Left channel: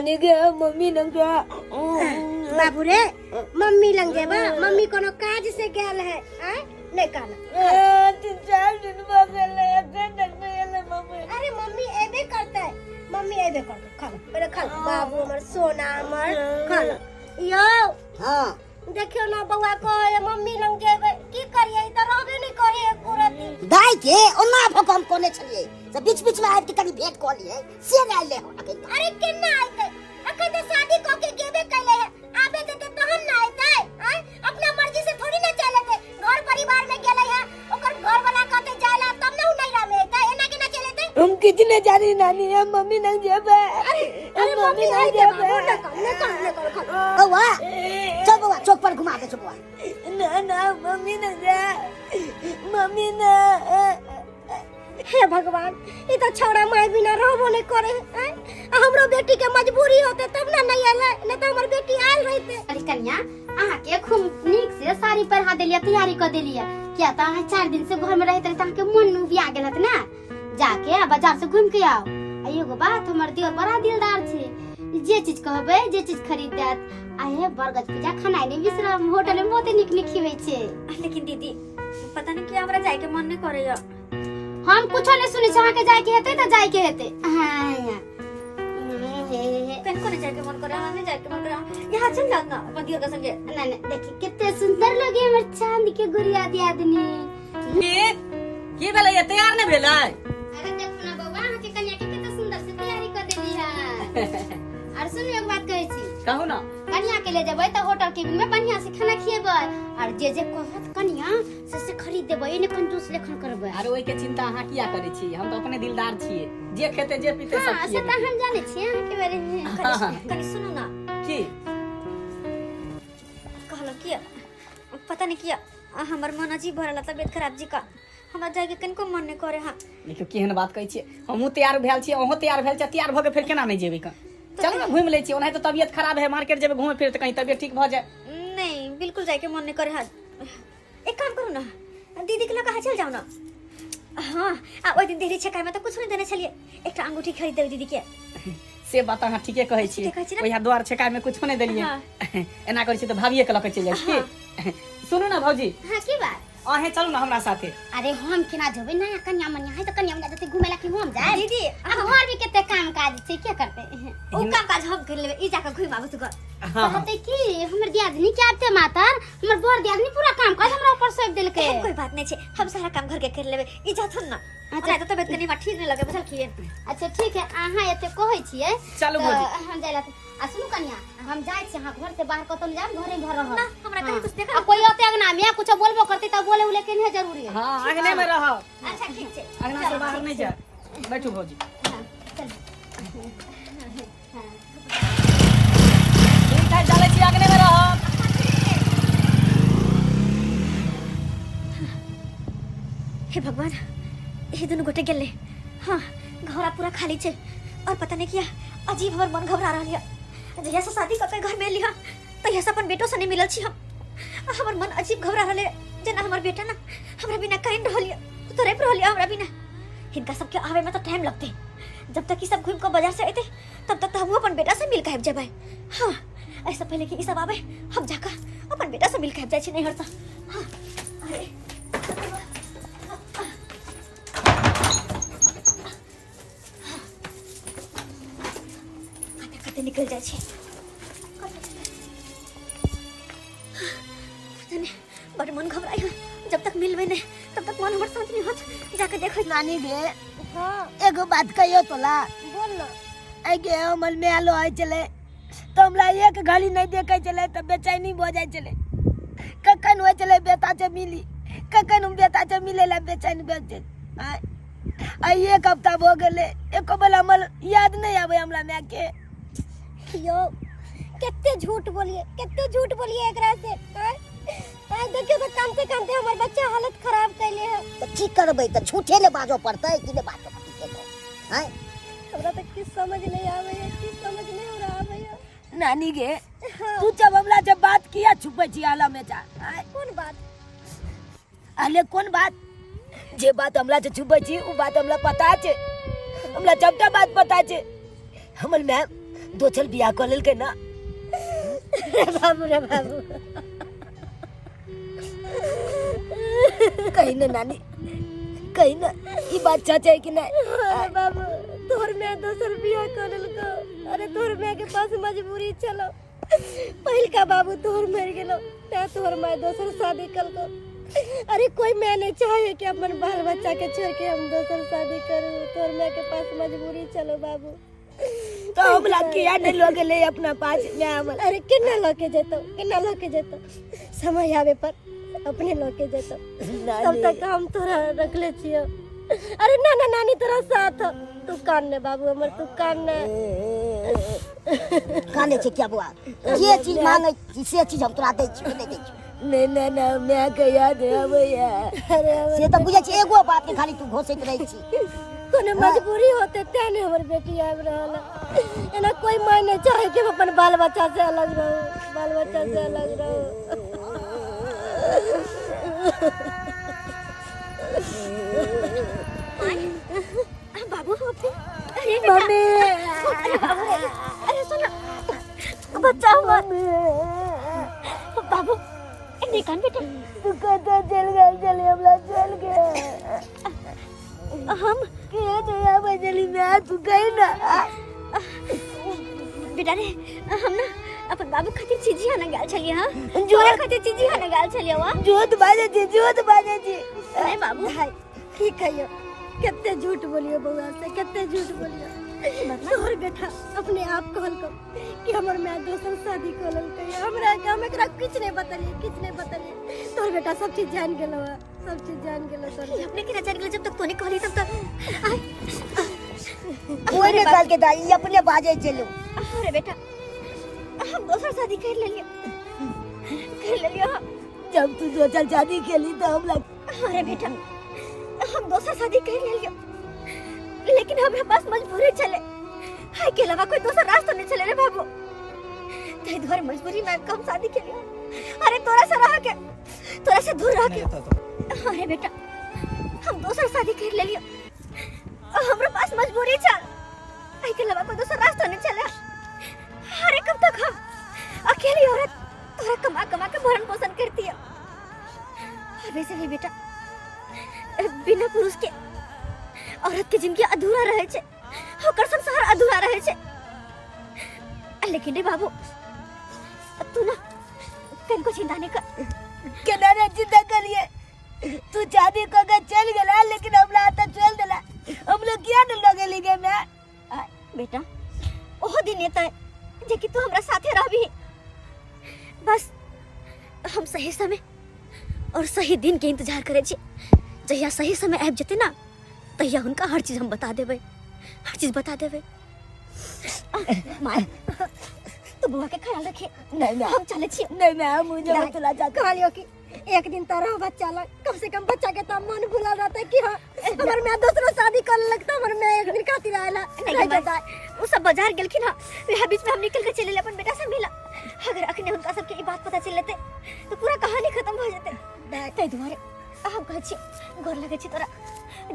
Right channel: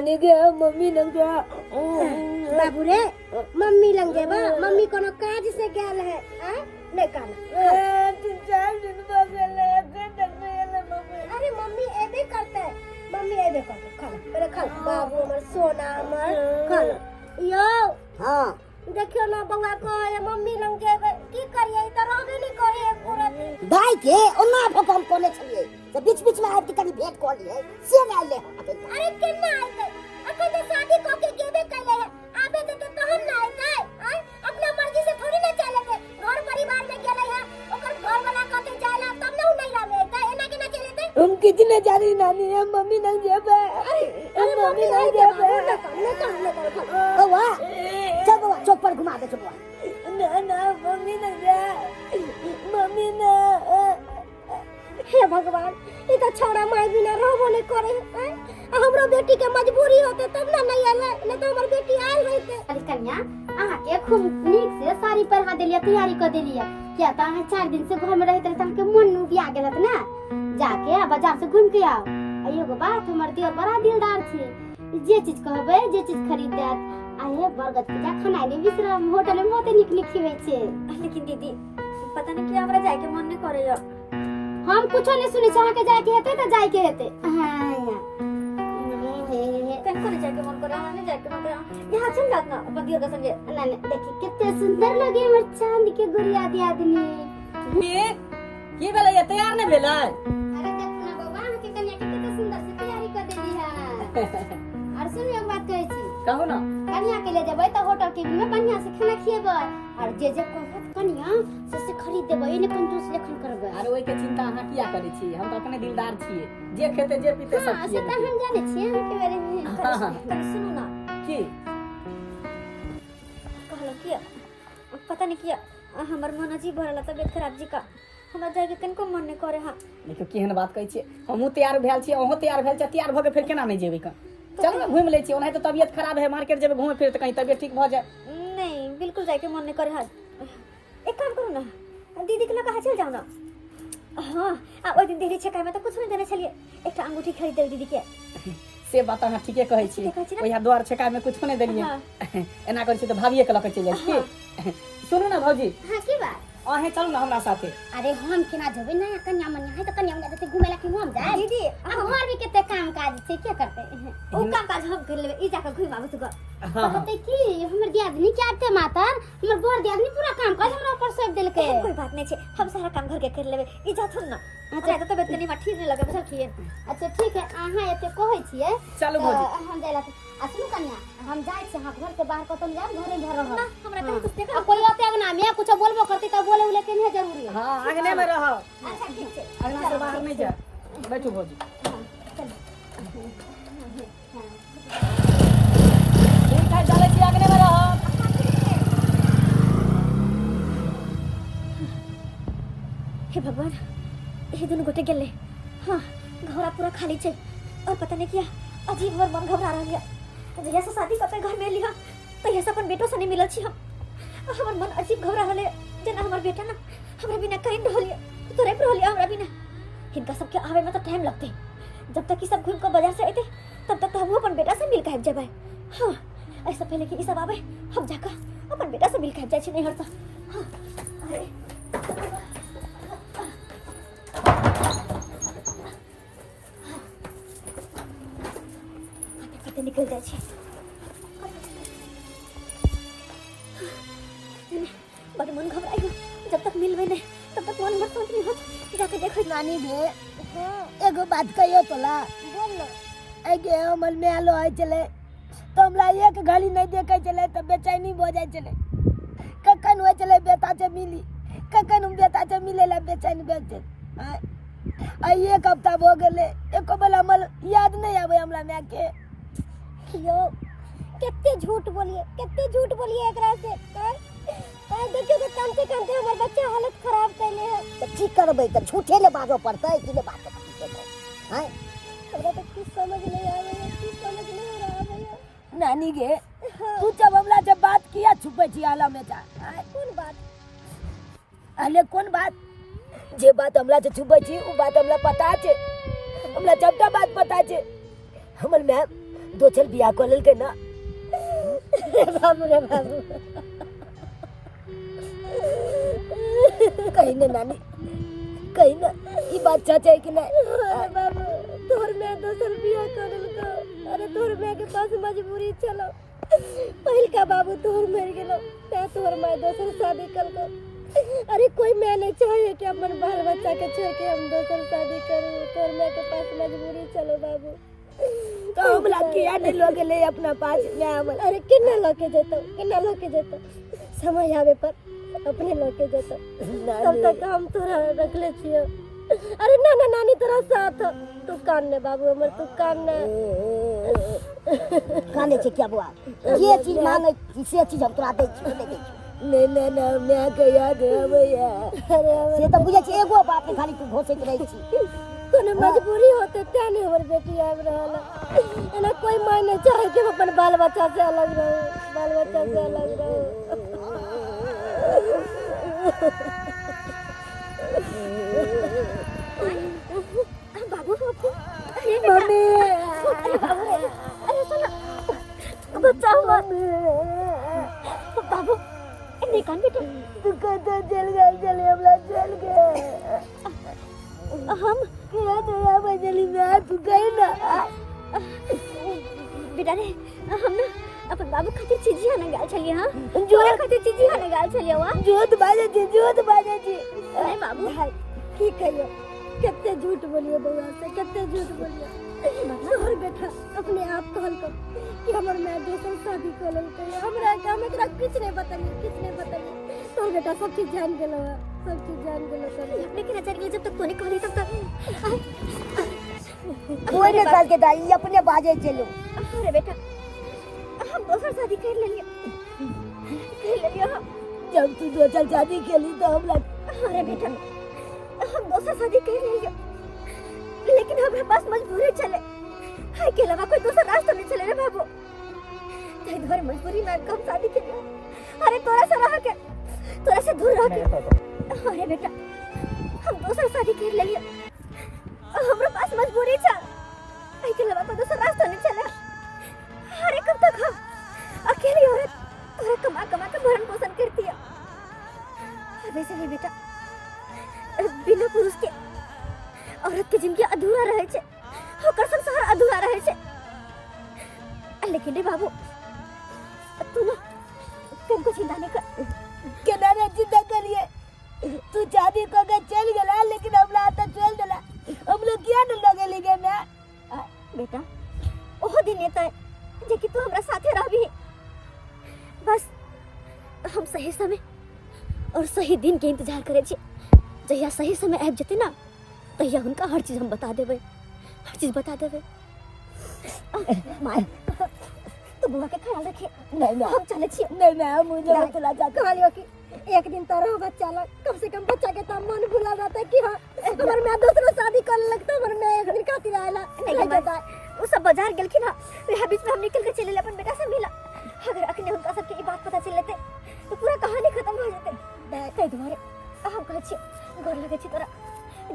नानी गे mummy lung जा बाबू रे मम्मी लंग जेबा मम्मी कोनो काज से गेल है नहीं कहना 3-4 दिन बगले दिन में ले मम्मी अरे मम्मी एबे करते मम्मी एबे करते खा मेरे खा बाबू हमर सोना हमर खा यो हां देखियो ना बउआ को मम्मी लंग जेबे की करिए त रहबे नहीं करे पूरा दिन दाई के ओना भकम कोने छलिए से बीच-बीच में आब के कनी भेंट क लिए से ना ले अरे केना आइते अखन त शादी क के गेबे कैले है आबे देते तहन ना आइते अपना मर्जी से थोड़ी ना चले थे घर परिवार में गेले है ओकर घर वाला कहते जाला तब ना नैरा में आइते एना केना चले थे हम कितने जानी नानी हम मम्मी लंग जेबे अरे मम्मी लंग जेबे न कर बउआ चल बउआ चौक पर घुमा दे चल बउआ ना मम्मी लंग जा मम्मी ना हे भगवान ई तो छोड़ा माय बिना रहबो नहीं करे हमरो बेटी के मजबूरी होते तब ना नहीं आले न तो हमर बेटी आल रहते अरे कन्या आहा के खूब नीक से साड़ी पहना देलिया तैयारी कर देलिया क्या ता 4 दिन से घर में रहते ता के मन नु बिया गेलत ना जाके बाजार से घूम के आओ एगो बात हमर दिल बड़ा दिलदार छे जे चीज कहबे जे चीज खरीद देत आए बरगद पूजा खाना नहीं बिसरा होटल में बहुते निक निक खिबै छे लेकिन दीदी पता नहीं क्या हमरा जाए के मन नहीं करैया हम कुछो नहीं सुने चाह के जाए के हेते त जाए के हेते हां कन करे जाए के मन करे हम नहीं जाए के मन करे यहां चल जाना अपन दिया के संगे नहीं देखी कितने सुंदर लगे हमर चांद के गुड़िया दियादनी की भेलै ये तैयार नहीं भेलै अरे देख ना बउआ हां के कन्या के कितना सुंदर से तैयारी कर देली है और सुन एक बात कहै छी कहू ना कन्या के ले जेबै त होटल के में बढ़िया से खाना खिएबै और जे जे कहत कन्या से खरीद देबै ने कंजूस लेखन करबै अरे ओई के चिंता अहाँ किया करै छी हम तो अपने दिलदार छियै जे खेते जे पीते सब हां छियै से त हम जाने छी हम के बारे में कनी सुनो ना की कहलो कि पता नहीं किया हमर मन अजीब भरला तबियत खराब जी का हमरा जाए के कनको मन नहीं करे हां देखियो केहन बात कहै छियै हमहू तैयार भेल छियै अहूँ तैयार भेल छियै तैयार भ के फिर केना नहीं जेबै का चल ना घूम ले छी ओनाहि तो तबियत खराब है मार्केट जेबै घूमे फिर त कहीं तबियत ठीक भ जाए नहीं बिल्कुल जाए के मन नहीं करे हां एक काम करू ना दीदी के लगा चल जाओ ना हां ओइ दिन देरी छकाय में तो कुछ नहीं देने चलिए एकटा अंगूठी खरीद देबै दीदी के से बात अहाँ ठीके कहै छी ओया द्वार छकाय में कुछ नहीं देलिए एना करै छी त भाभिए के लके चल जाय छी सुनू ना भौजी हां की बात अहे चलू ना हमरा साथे अरे हम केना जेबै नया कन्या मन्या है त कन्या मन्या जते घुमेला कि हम जाए दीदी अब घर भी केते काम काज छै के करते ओ काम काज हम कर लेबै ई जाके घुम आबू तू कहते कि हमर दियादनी के आते मातर हमर बर दियादनी पूरा काम काज हमरा ऊपर सौंप देलकै कोई बात नहीं छै हम सारा काम घर के कर लेबै ई जा थुन ना अच्छा तो तबियत कनी ठीक नहीं लगे बुझल खिए अच्छा ठीक है अहाँ एते कहै छियै चलू भौजी हम जाइला आ सुनु कन्या हम जाय छी अहाँ घर से बाहर कतौ जाब घरे घर रह ना हमरा कहीं कुछ देखा कोई आते अगना में कुछ बोलबो करते त बोले उले के नहीं जरूरी है हां आंगने में रहो अच्छा ठीक छै अगना से बाहर नहीं जा बैठो भौजी ठीक है चले छी आंगने में रहो हे भगवान ये दोनों गोटे गेले हाँ घर पूरा खाली छे और पता नहीं किया अजीब हमर मन घबरा रहल है जहिया से शादी करके घर में लिया तहिया से अपन बेटो से नहीं मिलल छी हम हमर मन अजीब घबरा रहल है जना हमर बेटा ना हमरा बिना कहीं रहल है तो रे रहल है हमरा बिना इनका सबके आवे में तो टाइम लगते जब तक ई सब घूम के बाजार से आते तब तक तो हम अपन बेटा से मिल के आब जेबै हाँ ऐसा पहले कि ई सब आवे हम जाकर अपन बेटा से मिल के आब जाय छी नहीं हरता हाँ अरे निकल जाए छे बड़ मन घबराई जब तक मिलबे नहीं तब तक मन हमर शांत नहीं होत जाके देखो नानी गे एगो बात कहियो तोला बोल ना आगे हमर मेलो आइ चले तो हमरा एक घड़ी नहीं देखे चले तो बेचैनी हो जाय चले कखन होय चले बेटा से मिली कखन हम बेटा से मिले ला बेचैन बेचे आई एक हफ्ता हो गेले एको बेला हमर याद नहीं आवे हमरा मैं के यो कितने झूठ बोलिए एकरा से आई देखियो तो कामते हमर बच्चा हालत खराब कैले है तो की करबै त झूठे ले बाजो पड़तै कि ले बाजो पड़तै हैं हमरा तो कुछ समझ नहीं आवे हो रहा है नानी गे तू जब हमरा जब बात किया छुपै छी आला में जा कौन बात अले कौन बात जे बात हमरा से छुपै छी उ बात हमरा पता छै हमरा सबटा बात पता छै हमर मैं दोचल बियाह कर लेल के ना रे बाबू कहीं ना नानी कहीं ना ई बात सच है कि नहीं अरे बाबू तोहर मैं दोसर बियाह कर लेलको अरे तोहर मैं के पास मजबूरी चलो पहिल का बाबू तोहर मर गेलो ते तोहर मैं दोसर शादी करको अरे कोई मैं नहीं चाहे कि अपन बाल बच्चा के छोड़ के हम दोसर शादी करूं तोहर मैं के पास मजबूरी चलो बाबू तो हम लोग किया नहीं लोग ले अपना पास में हमल अरे किन्ना लोके जेतो समय आवे पर अपने लोके जेतो तब तक हम तोरा रख ले छियो अरे ना ना नानी तोरा साथ तू कान ने बाबू हमर तू कान ने काने छे क्या बुआ जे चीज मांगे से चीज हम तोरा दै छी नहीं दै छी नहीं ना ना मैं के याद है भैया अरे से तो बुझे छी एगो बात के खाली तू घोसैत रही छी कोनो मजबूरी होते तेने हमर बेटी आब रहल एना कोई माय नहीं चाहे कि हम अपन बाल बच्चा से अलग रहो बाल बच्चा से अलग रहो बाबू अरे मम्मी अरे सुनो बच्चा हुआ बाबू निकाल बेटा तू कहता चल हमला चल गए हम क्या तो या बजली मैं तू कहीं ना बेटा रे हम ना अपन बाबू खातिर चीजी हन गाल छलिए हां जोरा खातिर चीजी हन गाल छलिए वा जोत बाजे जी अरे बाबू भाई ठीक है यो कितने झूठ बोलियो बउआ से कितने झूठ बोलियो तोहर बेटा अपने आप कहल को कि हमर मैं दोसर शादी कर ललकै हमरा गांव में एकरा कुछ नहीं बताइए तोहर बेटा सब चीज जान गेलो तोहर अपने के नजर जब तक तूने कहली तब तक कोई ने कल के दाई अपने बाजे चलो अरे बेटा हम दोसर शादी कर लिया जब तू दोसर शादी खेली तो हम लग अरे बेटा हम दोसर शादी कर लिया लेकिन हमरा पास मजबूरी चले हाय के अलावा कोई दूसरा रास्ता नहीं चले रे बाबू ते द्वार मजबूरी में कम शादी के लिए अरे तोरा से दूर रह के अरे बेटा हम दूसरा शादी कर ले लियो हमरा पास मजबूरी चल हाय के अलावा कोई दूसरा रास्ता नहीं चले अरे कब तक हम अकेली औरत तोरा कमा के भरण पोषण करती है वैसे भी बेटा बिना पुरुष के औरत के जिंदगी अधूरा रहे छे ओकर संसार अधूरा रहे छे लेकिन रे बाबू तू ना कनको चिंता नहीं कर केना रे चिंता करिए तू शादी को के चल गेला लेकिन हमरा त चल देला हम लोग किया न लगेली के मैं बेटा ओह दिन एतै जे कि तू हमरा साथे रहबी बस हम सही समय और सही दिन के इंतजार करे छी जहिया सही समय आबि जते ना तहिया उनका हर चीज हम बता देबे माय तू बुआ के ख्याल रखे नहीं हम चले छी नहीं मैं मुझे चला जा कहलियो कि एक दिन तो रहो बच्चा लग कम से कम बच्चा के तो मन भुला जाता है कि हाँ हमर मैं दूसरा शादी कर लगता हमर मैं एक दिन खातिर आला नहीं जाता वो सब बाजार गेलखिन हां वह बीच में हम निकल के चले अपन बेटा से मिला अगर अखने उनका सबके ई बात पता चल लेते तो पूरा कहानी खत्म हो जेते तै दुआरे हम कहै छी गोर लगै छी तोरा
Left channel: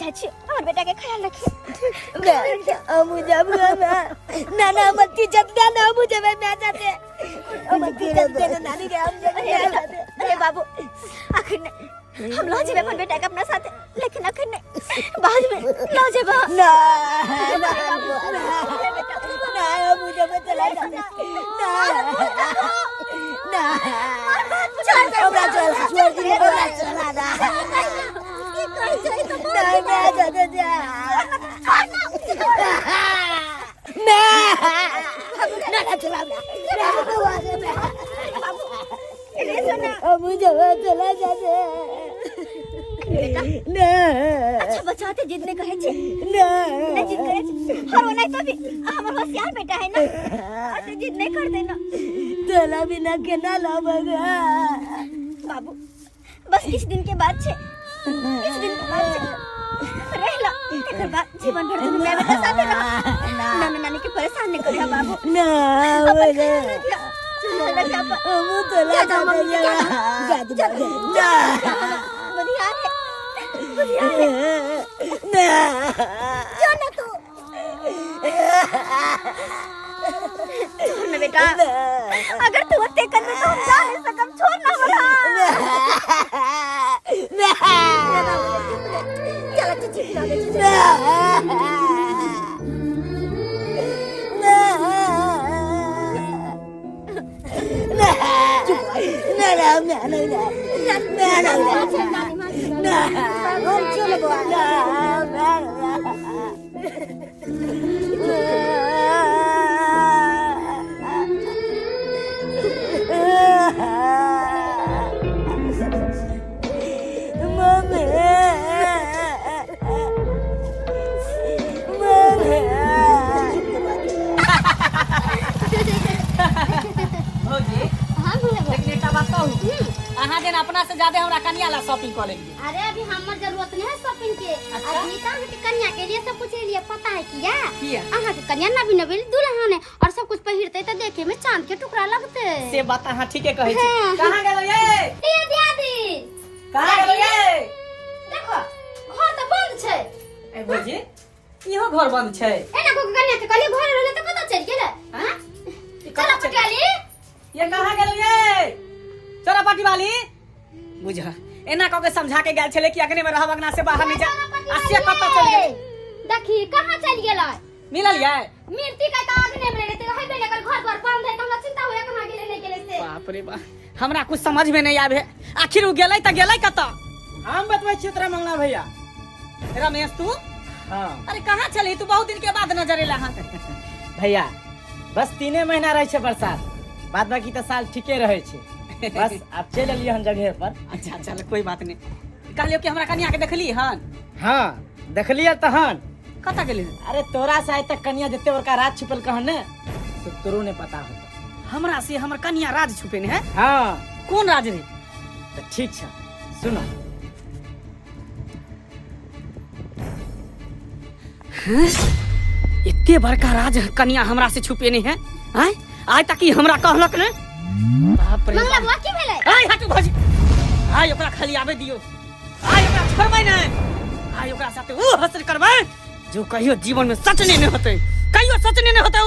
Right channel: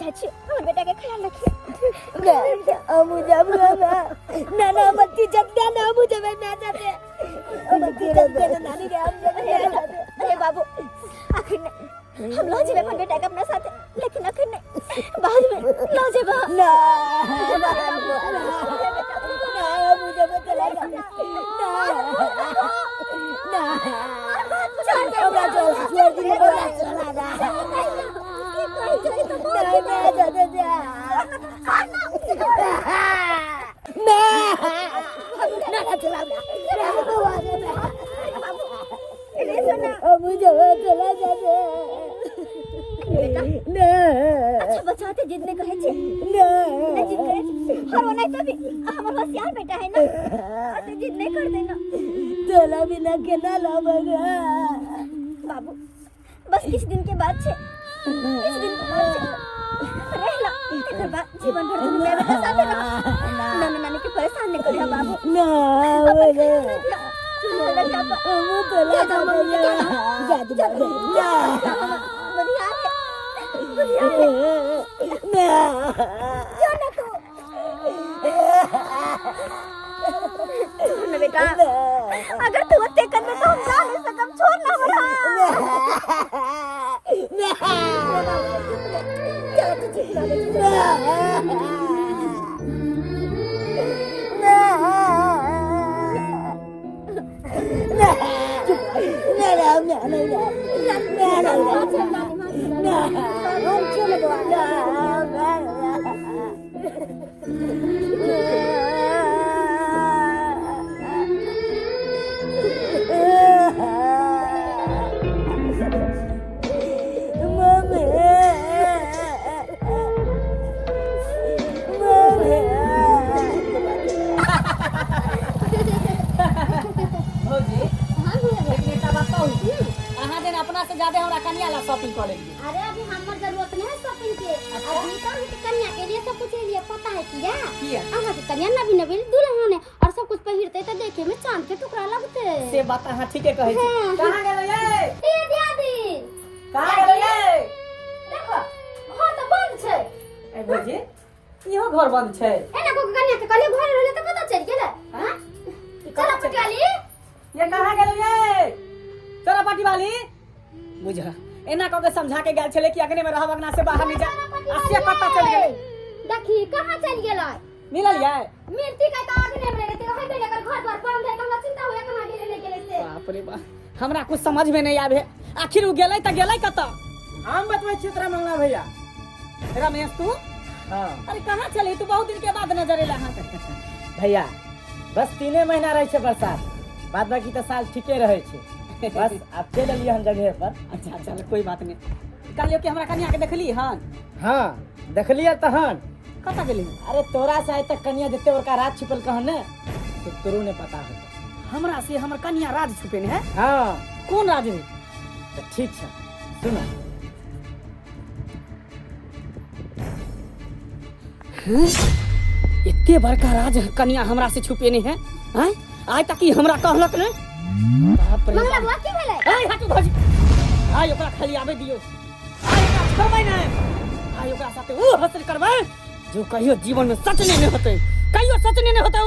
जाइ छी हमर बेटा के ख्याल रखिए मुझे ना मत जतना ना मुझे मैं जाते नानी के अरे बाबू आखिर नहीं हम लो जेबे अपन बेटा के अपना साथ लेकिन आखिर नहीं बाद में लो जेबा ना मुझे मत चला जा ना हमरा चला छोड़ दी हमरा चला ना नहीं मैं जाते जा ना चला मुझे चला जाते ना अच्छा बचाते जितने कहे छे ना जिद करे छे और वो नहीं तो भी हमर होशियार बेटा है ना ऐसे जिद नहीं कर देना चला बिना केना लाबगा बाबू बस किस दिन के बाद छे इस दिन के बाद छे रहला एकर बाद जीवन भर तुम मैं बेटा साथे रह नाना नानी के परेशान नहीं करिया बाबू ना बोले चला जा वो तो ला जा बढ़िया है ना क्यों ना तू बेटा अगर तू अत्ते कर दे तो हम जा नहीं सकम छोड़ ना हमरा चल तू चुप रह भौजी हां भैया लेकिन एकटा बात कहू अहाँ जेना अपना से ज्यादा हमरा कन्या ला शॉपिंग कर लेलिए अरे अभी हमर जरूरत नहीं है शॉपिंग के अच्छा? अभी तो हमके कन्या के लिए सब कुछ लिए पता है किया किया? अहाँ के कन्या नवी नवी दुल्हन है और सब कुछ पहिरते तो देखे में चांद के टुकड़ा लगते से बात अहाँ ठीके कहै छी हाँ। कहाँ गेलो ये ए दादी कहाँ गेलो ये देखो घर तो बंद छै ए भौजी इहो घर बंद छै एना को कन्या के कले घर रहले तो पता चल गेले हां चला पटियाली ये कहाँ गेलो ये चोरा पाटी वाली बुझ एना कह के समझा के गेल छले कि अगने में रहब अगना से बाहर नहीं जा आसे पता चल गेल देखी कहां चल गेलै मिलल ये मिर्ती का तो अगने में रहते है बेले कर घर द्वार बंद है तो हमरा चिंता होया कहां गेले नहीं गेले से बाप रे बाप हमरा कुछ समझ में नहीं आवे आखिर उ गेलै त गेलै कत हम बतबै छी तोरा मंगना भैया रमेश तू हाँ अरे कहाँ चले तू बहुत दिन के बाद नजर एला हां भैया बस 3 महीना रहे छै बरसात बाद बाकी तो साल ठीके रहे छै बस आप चल एलिए हम जगह पर अच्छा चल कोई बात नहीं कहलियो कि हमरा कन्या के देखली हन हाँ देखलिए तहन कत गेली अरे तोरा से आज तक कन्या जते बड़का राज छुपल कहन ने तो तोरो ने पता होता हमरा से हमर कन्या राज छुपे ने है हाँ कौन राज रे तो ठीक छै सुनो इतने बड़का राज कन्या हमरा से छुपे नहीं है हैं आज तक ही हमरा कहलक ने बाप रे मंगला बाप। बुआ की भेले आय हटू भौजी आय ओकरा खाली आबे दियो आय ओकरा छोड़बै ने आय ओकरा साथे ऊ हसर करबै जो कहियो जीवन में सच नहीं होते कहियो सच नहीं होता ऊ